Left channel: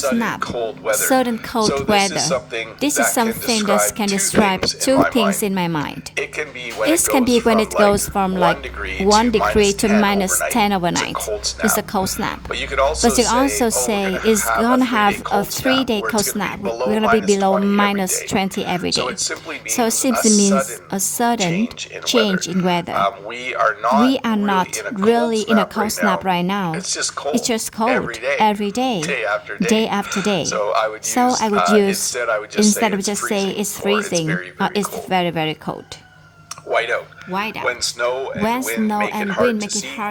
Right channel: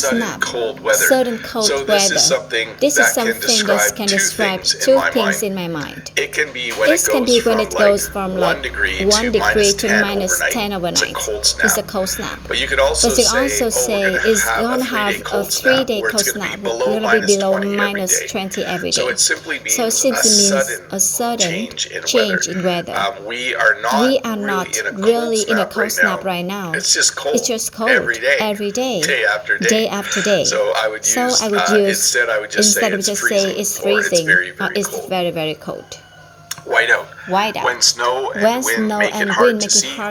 sudden cold weather. Sudden cold so weather. This is something that can describe two things in my mind. It can be when it goes from 1 degree to minus 10 overnight. It's a cold snap. But you could also say it's going to have a 3-day cold snap. We're going to be below minus 20 every day. So it simply means a sudden change in weather. We are not really in a cold snap right now. It's just cold. Every day. Day after day. So I would use instead of just say it's freezing. It's very, very cold. Whiteout. When snow and wind make it hard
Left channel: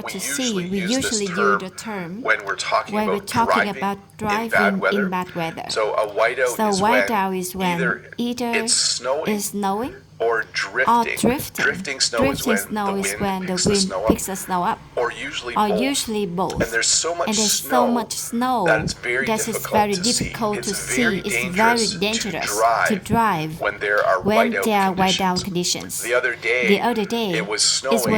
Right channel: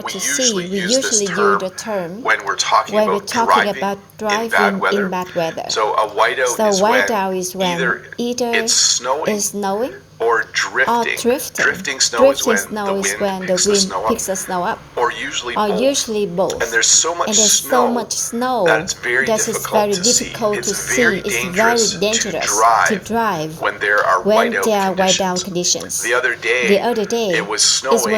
to see, we usually use the term when we're talking about driving in bad weather. So a whiteout is when either it's snowing or drifting. Drifting snow is when the wind picks the snow up. Or usually both. And there's so much snow that it's very difficult to see. It's very dangerous to drive when there are whiteout conditions. The other day it was snowing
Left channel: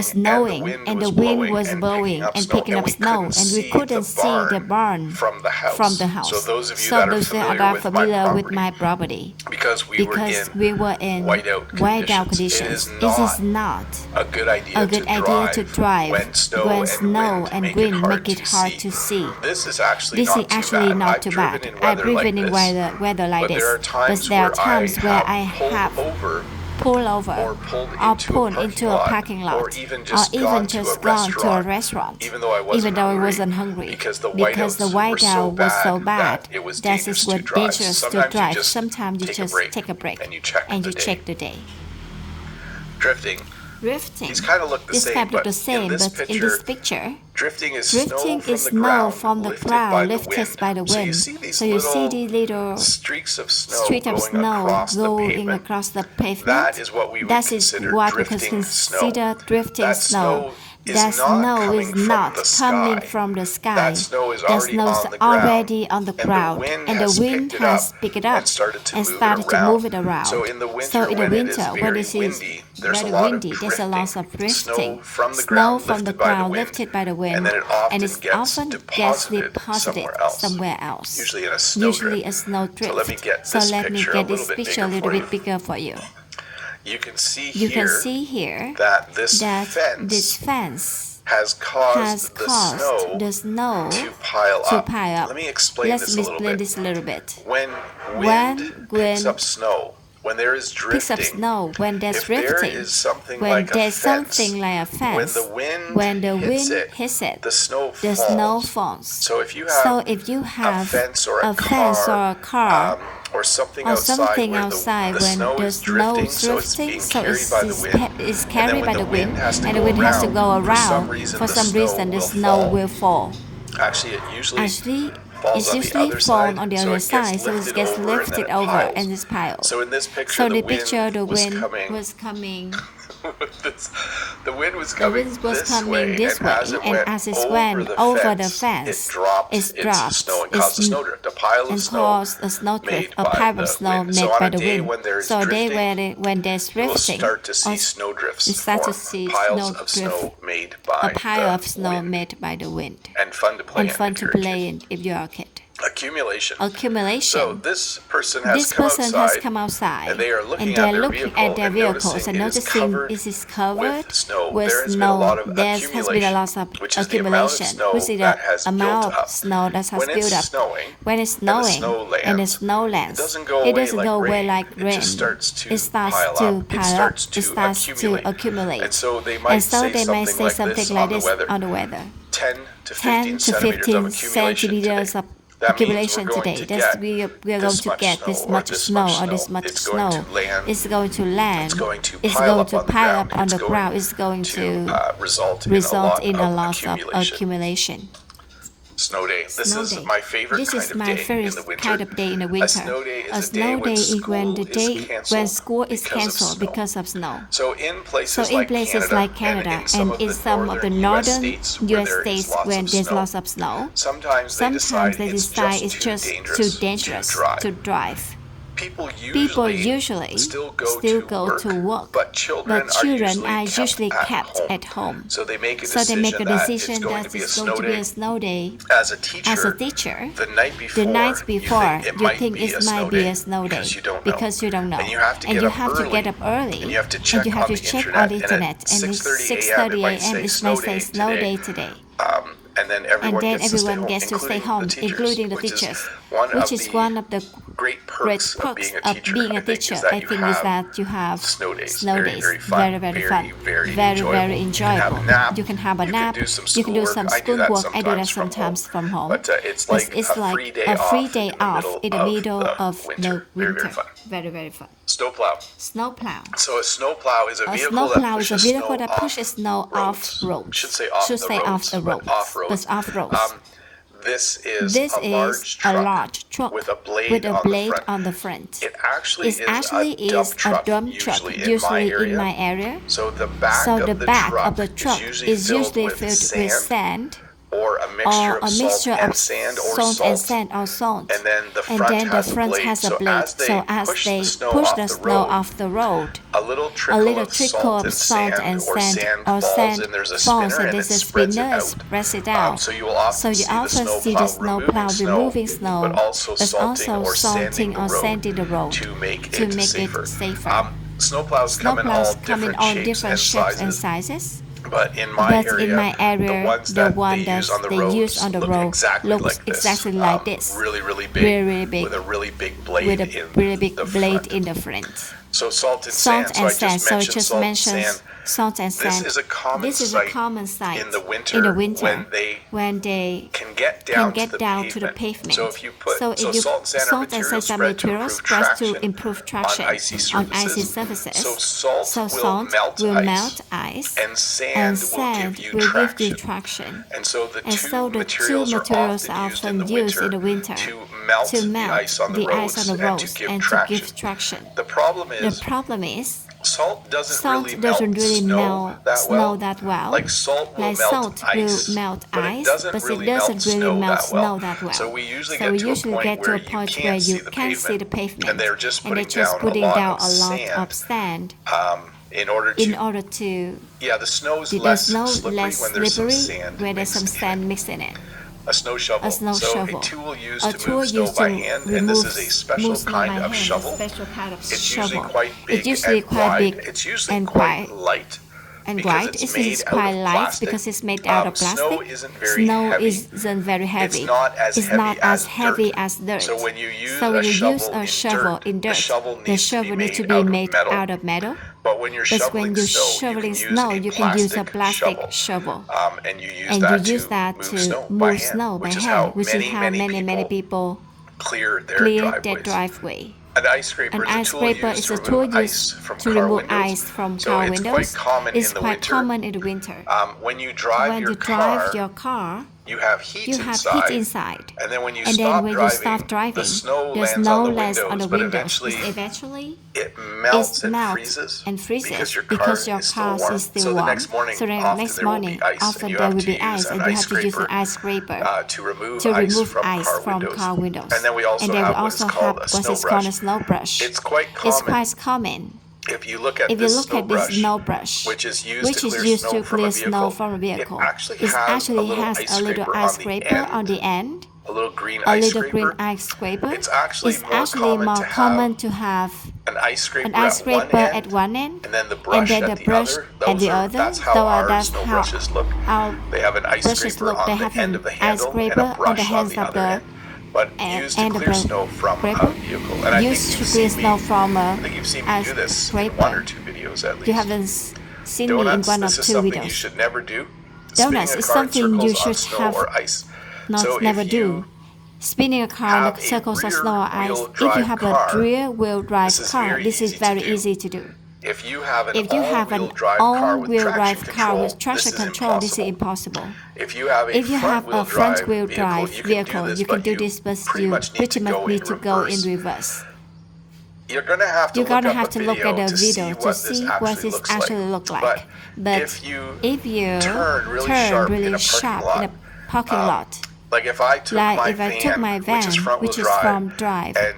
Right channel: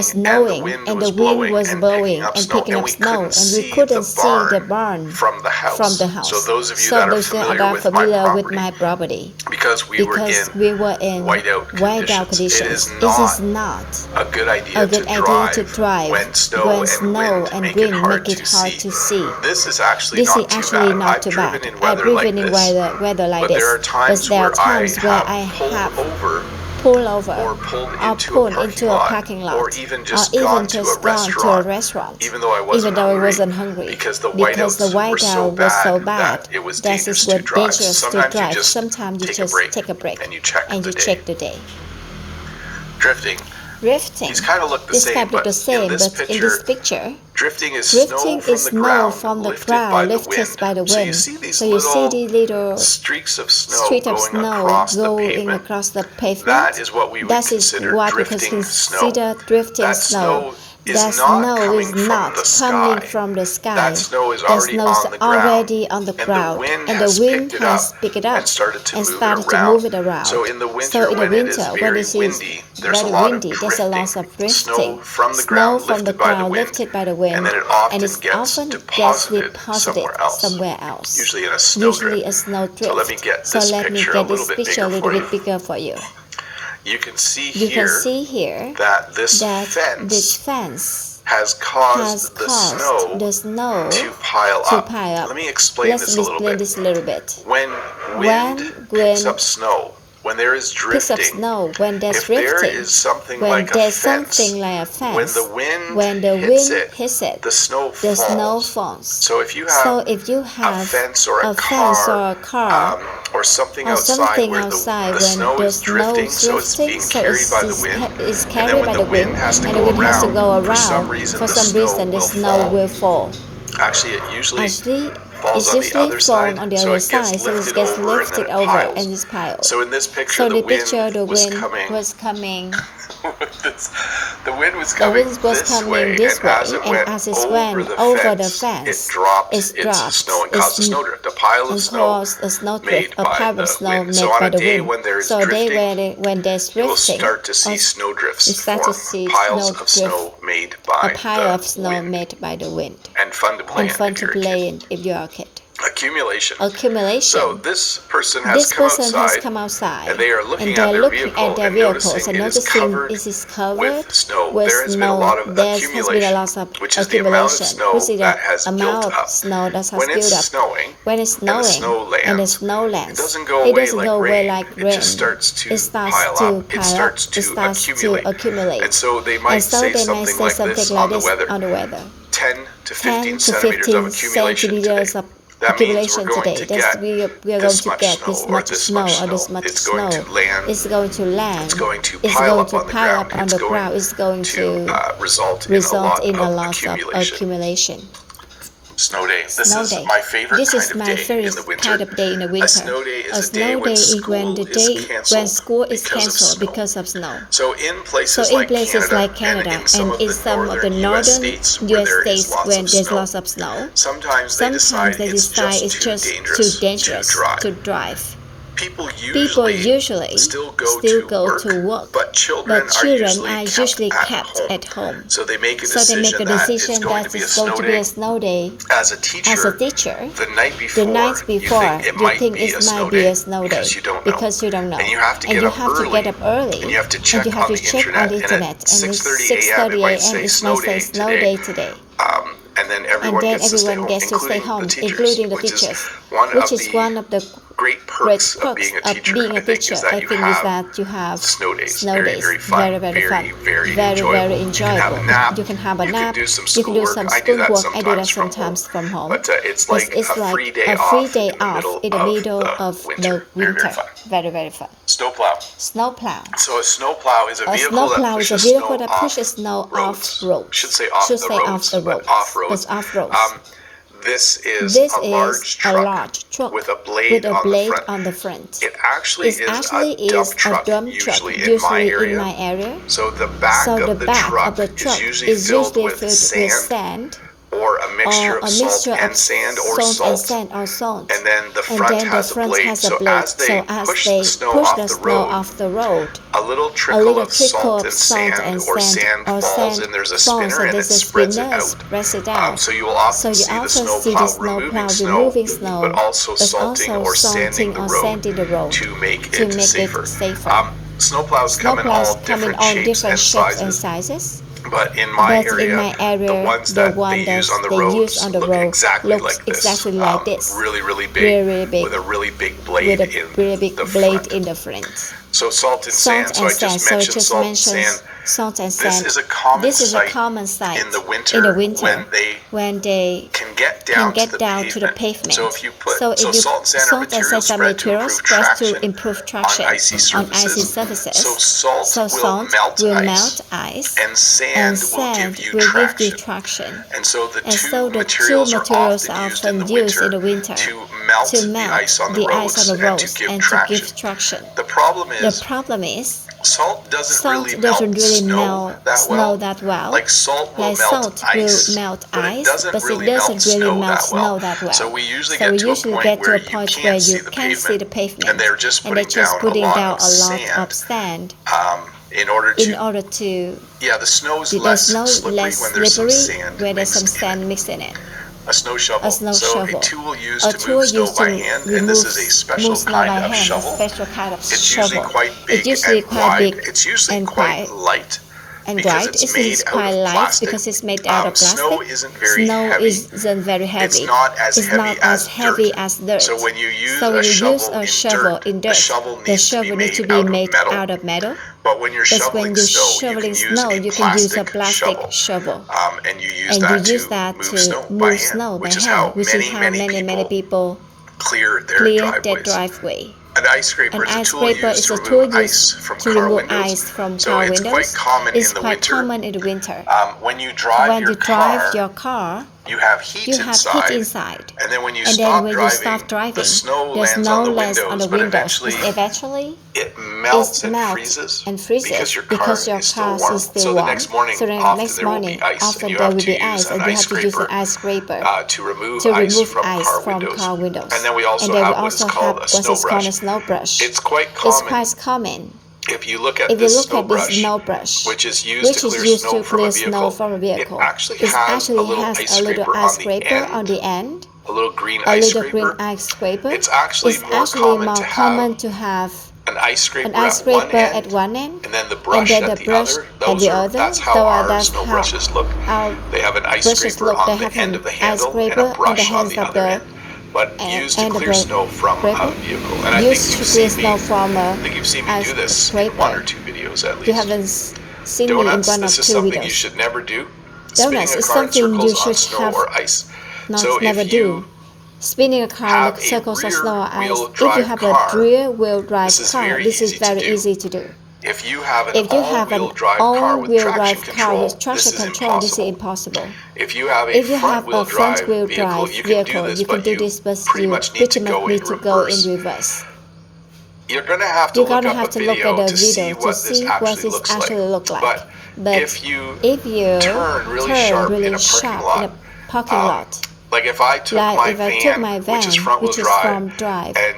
and the wind was blowing and picking up snow, and we couldn't see the barn from the house. So those of you that are familiar with my property, because we were in whiteout conditions, it is not a good idea to drive when snow and wind make it hard to see. This is actually not too bad. I've driven in weather like this, but there are times where I have pulled over or pulled into a parking lot, or even just gone to a restaurant, even though I wasn't hungry, because the whiteout was so bad that it was dangerous to drive. Sometimes you just take a break and you check the day. Drifting. These kind of look the same, but in this picture, drifting is snow from the ground lifted by the wind. So you see these little streaks of snow going across the pavement. That is what we would consider drifting snow. That snow is not coming from the sky. That snow is already on the ground, and the wind has picked it up and started to move it around. So in the winter, when it is very windy, there's a lot of drifting. Snow from the ground lifted by the wind, and then it often gets deposited somewhere else, usually in a snowdrift. So let me get this picture a little bit bigger for you. You can see here that this fence has caused the snow to pile up. Let me explain this a little bit. When wind picks up snow, when there is drifting, if there is something like a fence, when the wind hits it, the snow falls. So if you have a fence or a car, or something outside where the snow is drifting, so it's being carried by the wind, and then when the wind has to go around, for some reason the snow will fall. Actually, it usually falls on the other side, so it gets lifted over and is piled. So in this picture, the wind was coming. The wind was coming this way, and as it went over the fence, it dropped into snow and caused a snowdrift, a pile of snow made by the wind. So on a day when there is drifting, you will start to see snowdrifts form, piles of snow made by the wind. And fun to play in if you're a kid. Accumulation. So this person has come outside, and they are looking at their vehicle and noticing it is covered with snow. There has been a lot of accumulation, which is the amount of snow that has built up. When it's snowing, and the snow lands, it doesn't go away like rain. It just starts to pile up. It starts to accumulate. And so they might say something like this on the weather. 10 to 15 centimeters of accumulation today. That means we're going to get this much snow or this much snow. It's going to land. It's going to pile up on the ground. It's going to result in a lot of accumulation. Snow day. This is my favorite kind of day in the winter. A snow day is when school is canceled because of snow. So in places like Canada and in some of the northern U.S. states when there's lots of snow, sometimes they decide it's just too dangerous to drive. People People usually usually still still go go to to work, work, but children but children are are usually usually kept kept at at home. home. So they make a So they make a decision decision that it's that going to it's be a going snow to be day. a snow day. As a As a teacher, teacher, the night the night before, before, you you think think it it might might be be a a snow snow day day because you don't know. and you have to And get you up have to early, get up early, and you have to and you check have on to check the internet, and and at it's 6:30 6:30 a.m. a.m. it it might might say say snow snow day day today. today. And then And everyone then gets to stay everyone home, gets to stay including home, the teachers, including the which is teachers, one which of is the one of the great great perks of perks being a of teacher. being I a think is teacher. that I you think is have that you have snow days. snow Very, days. very fun. Very, very fun. Very Very, enjoyable. very You can have a enjoyable. nap. You can have a You can nap. do some You can do schoolwork. some I do that schoolwork. I do that sometimes sometimes from home. But it's like It's a like free day a free off day in the off middle in the middle of of the the winter. Very, winter. very fun. Very, very fun. Snowplow. Snowplow. So a snowplow is a A vehicle snowplow that is a pushes vehicle snow that off pushes snow off roads. roads. Should say off Should the say roads, off the but roads, off roads. but off roads. This is This a is large a truck large truck with a blade with a on the blade front. on the front. It actually It is actually a dump is a truck, dump truck, usually in my usually in area. my area. So the back So the of the back truck of the is truck usually is filled usually with filled with sand sand or a mixture or of a salt mixture and of sand or salt and salt. sand or salt. And then the And front then the has a front blade. has a So blade. as they push the snow push off the the snow road, off the road, a little a trickle little of trickle salt of and salt sand and or sand falls, sand and there's a falls, spinner, and and there's it a spreads it spinner, out. spreads it out. So you will often So you see the often see snowplow the snowplow removing snow, but also but salting also or sanding salting or sanding the road to make to it make safer. it safer. Snowplows come in all Snowplows come in different all shapes different and shapes and sizes. sizes. But in my area, the ones that they use on the roads look exactly like this. Really, really big, Really big, with a really big blade with a in really big the blade front. in the front. So salt and sand. So I just mentioned salt and sand. Salt and This sand. is a common This is a sight common sight in the winter when they can get can down, get to, down the to the pavement. So if you put So salt and sand are materials spread to improve traction on icy surfaces. So salt will melt ice, and sand will give you traction. And so the two materials are often used in the winter to melt the ice on the roads and to give traction. The problem is salt doesn't really melt snow that well. Like salt will melt ice, but it doesn't really melt snow that well. So we usually get to a point where you can't see the pavement, and they're just putting down a lot of sand in order to the snow is less slippery when there's some sand mixed in it. A snow shovel. A tool used to move snow by hand, and this is a special kind of shovel. It's usually quite big and wide. It's usually quite light because it's made out of plastic. Snow isn't very heavy. It's not as heavy as dirt. So when you use a shovel in dirt, the shovel needs to be made out of metal. But when you're shoveling snow, you can use a plastic shovel. And you use that to move snow by hand, which is how many people clear their driveway. An ice scraper is a tool used to remove ice from car windows. It's quite common in the winter. When you drive your car, you have heat inside. And then when you stop driving, the snow lands on the windows. But eventually, it melts and freezes because your car is still warm. So the next morning, often there will be ice, and you have to use an ice scraper to remove ice from car windows. And then we also have what's called a snow brush. It's quite common. If you look at this snow brush, which is used to clear snow from a vehicle, it actually has a little ice scraper on the end, a little green ice scraper. It's actually more common to have an ice scraper at one end, and then the brush at the other. That's how our snow brushes look. They have an ice scraper on the end of the handle and a brush on the other end. But used to clear snow from a vehicle. And I think you've seen me do this in one or two videos at least. You haven't seen me in one or two videos. This is something you should never do. Donuts is something you should have never do. Spinning a car in circles of snow or ice. If you have a rear-wheel drive car, this is very easy to do. If you have an all-wheel drive car with traction control, this is impossible. If you have a front-wheel drive vehicle, you can do this, but you pretty much need to go in reverse. You're going to have to look up a video to see what this actually looks like. But if you turn really sharp in a parking lot, like if I took my van, which is front-wheel drive,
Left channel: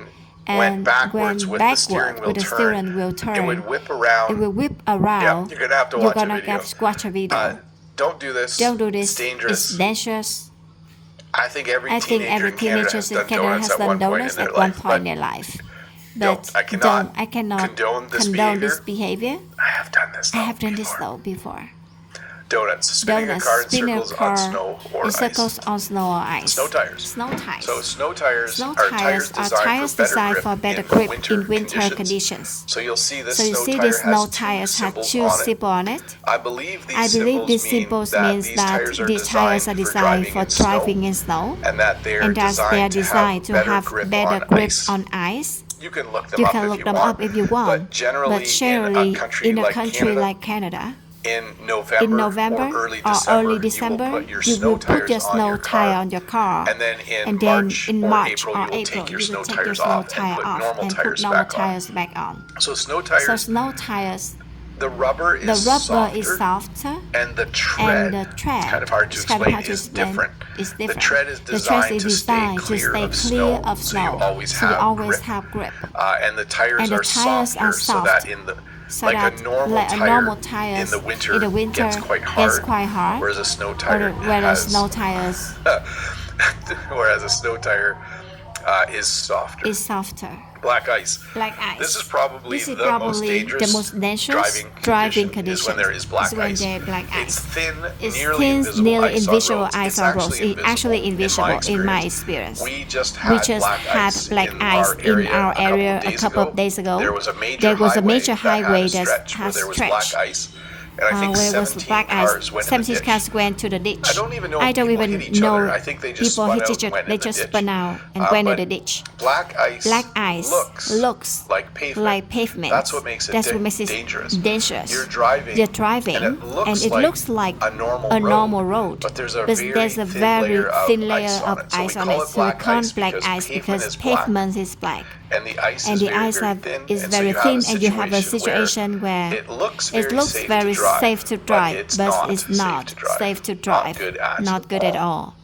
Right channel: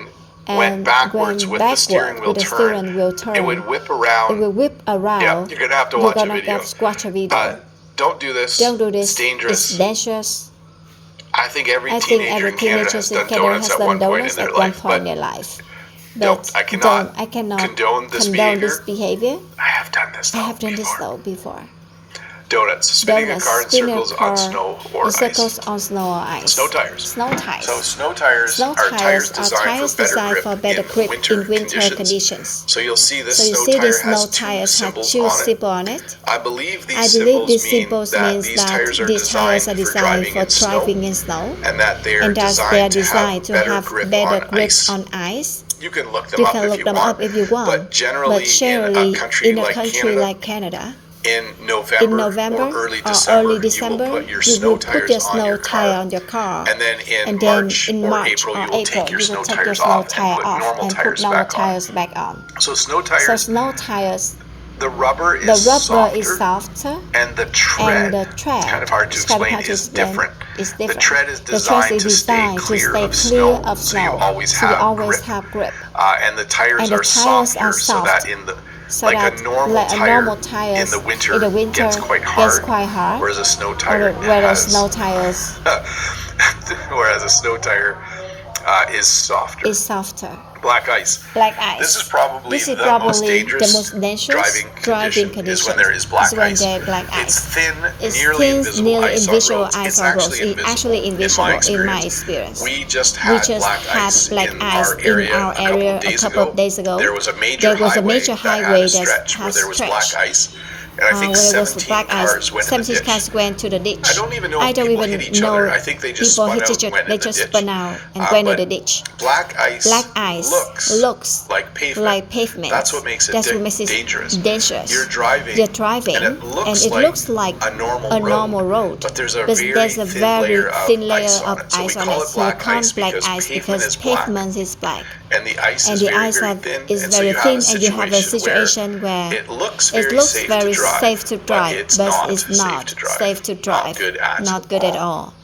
went backwards with the steering wheel turn, it would whip around. It will whip around. Yeah, you're gonna have to watch a video. Watch a video. Don't do this. Don't do this. It's dangerous. It's dangerous. I think every teenager in Canada has done donuts at one point in their life. But I cannot condone this behavior. I have done this though before. Donuts, spinning a car in circles on snow or ice. On snow or ice. Snow tires. So snow tires are tires designed for better grip in winter conditions. So you'll see this snow tire has two symbols on it. I believe these symbols mean that these tires are designed for driving in snow, and that they are designed to have better grip on ice. You can look them up if you want. But generally in a country like Canada, in November or early December, you will put your snow tire on your car, and then in March or April, you will take your snow tires off and put normal tires back on. So snow tires, the rubber is softer, and the tread, it's kind of hard to explain, is different. The tread is designed to stay clear of snow, so you always have grip. And the tires are softer, so that like a normal tire in the winter gets quite hard, whereas a snow tire is softer. Black ice. This is probably the most dangerous driving condition is when there is black ice. It's thin, nearly invisible ice on roads. It's actually invisible in my experience. We just had black ice in our area a couple of days ago. There was a major highway that has stretched. And I think 17 cars went to the ditch. I don't even know people hit each other. I think they just spun out and went into the ditch. Black ice looks like pavement. That's what makes it dangerous. You're driving and it looks like a normal road. But there's a very thin layer of ice on it. So we call it black ice because pavement is black. And the ice is very thin, and you have a situation where it looks very safe to drive, but it's not safe to drive. Not good at all.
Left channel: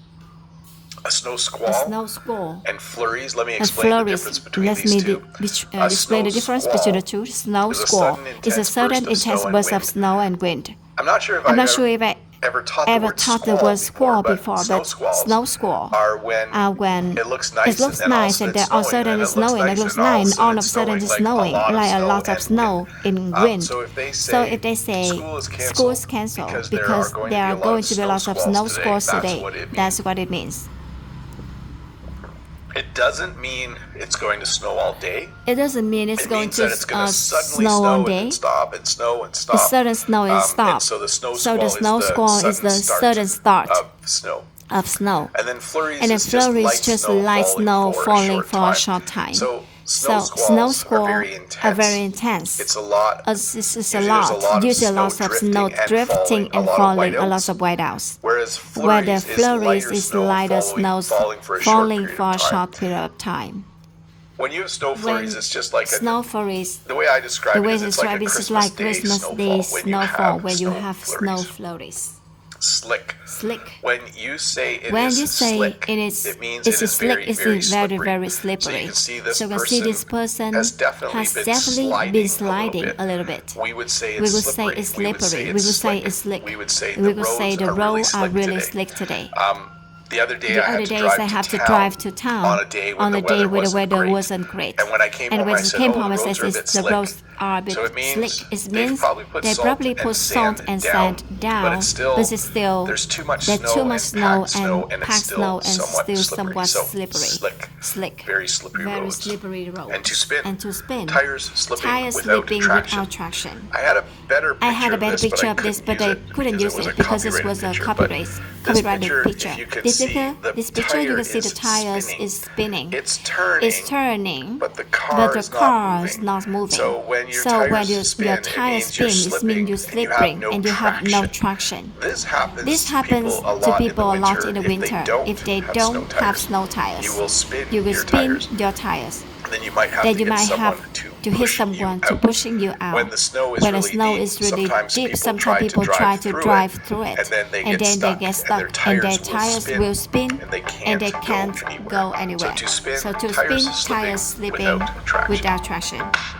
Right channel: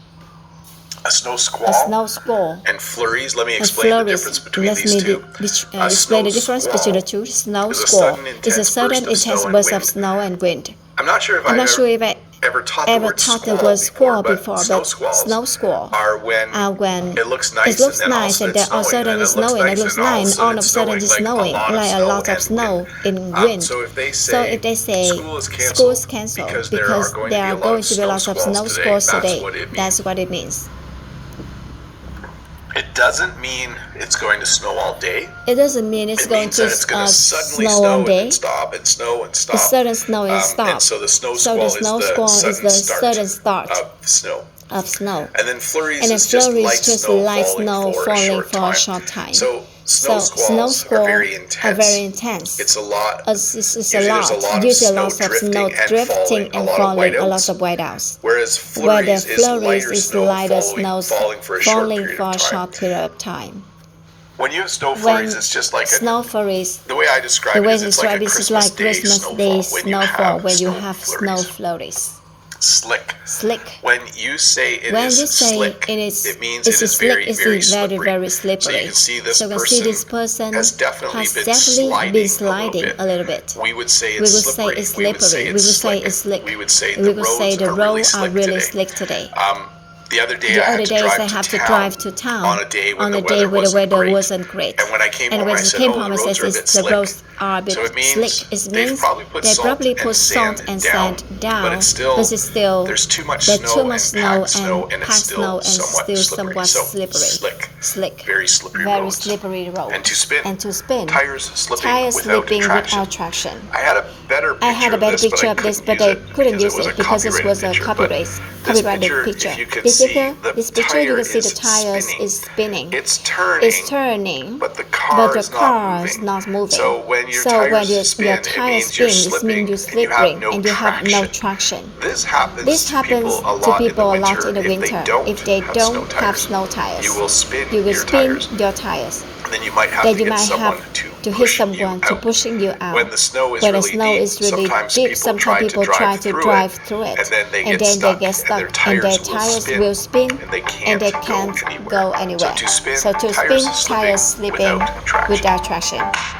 A snow squall. And flurries. Let me explain the difference between these two. Explain the difference between the two. Snow squall is a sudden intense burst of snow and wind. I'm not sure if I ever taught the word squall before, but snow squall are when it looks nice and then all of a sudden it's snowing. It looks nice and all of a sudden it's snowing, like a lot of snow in wind. So if they say school is cancelled because there are going to be lots of snow squalls today, that's what it means. It doesn't mean it's going to snow all day. It doesn't mean it's going to suddenly snow all day. And stop and snow and stop. It's sudden snow and stop. And so the snow squall is the sudden start of snow. And then flurries is just light snow falling for a short time. So snow squalls are very intense. It's a lot. Usually lots of snow drifting and falling, a lot of whiteouts. Whereas flurries is lighter snow falling for a short period of time. When you have snow flurries, it's just like snow flurries. The way I describe it is it's like a Christmas Day snowfall when you have snow flurries. Slick. When you say it means it is very, very slippery. So you can see this person has definitely been sliding a little bit. We would say it's slippery. We would say it's slick. We would say the roads are really slick today. The other days I have to drive to town on a day where the weather wasn't great. And when I came home, I said, the roads are a bit slick. It means they probably put salt and sand down, but it's still there's too much snow and packed snow and still somewhat slippery. Slick. Very slippery road. And to spin. Tires slipping without traction. I had a better picture of this, but I couldn't use it because it was a copyrighted picture. This picture you can see the tires is spinning. It's turning, but the car is not moving. So when your tires spin, it means you're slipping and you have no traction. This happens to people a lot in the winter if they don't have snow tires. You will spin your tires. Then you might have to get someone to to hit someone, to pushing you out. When the snow is really deep, sometimes people try to drive through it, and then they get stuck, and their tires will spin, and they can't go anywhere. So to spin, tires slipping without traction.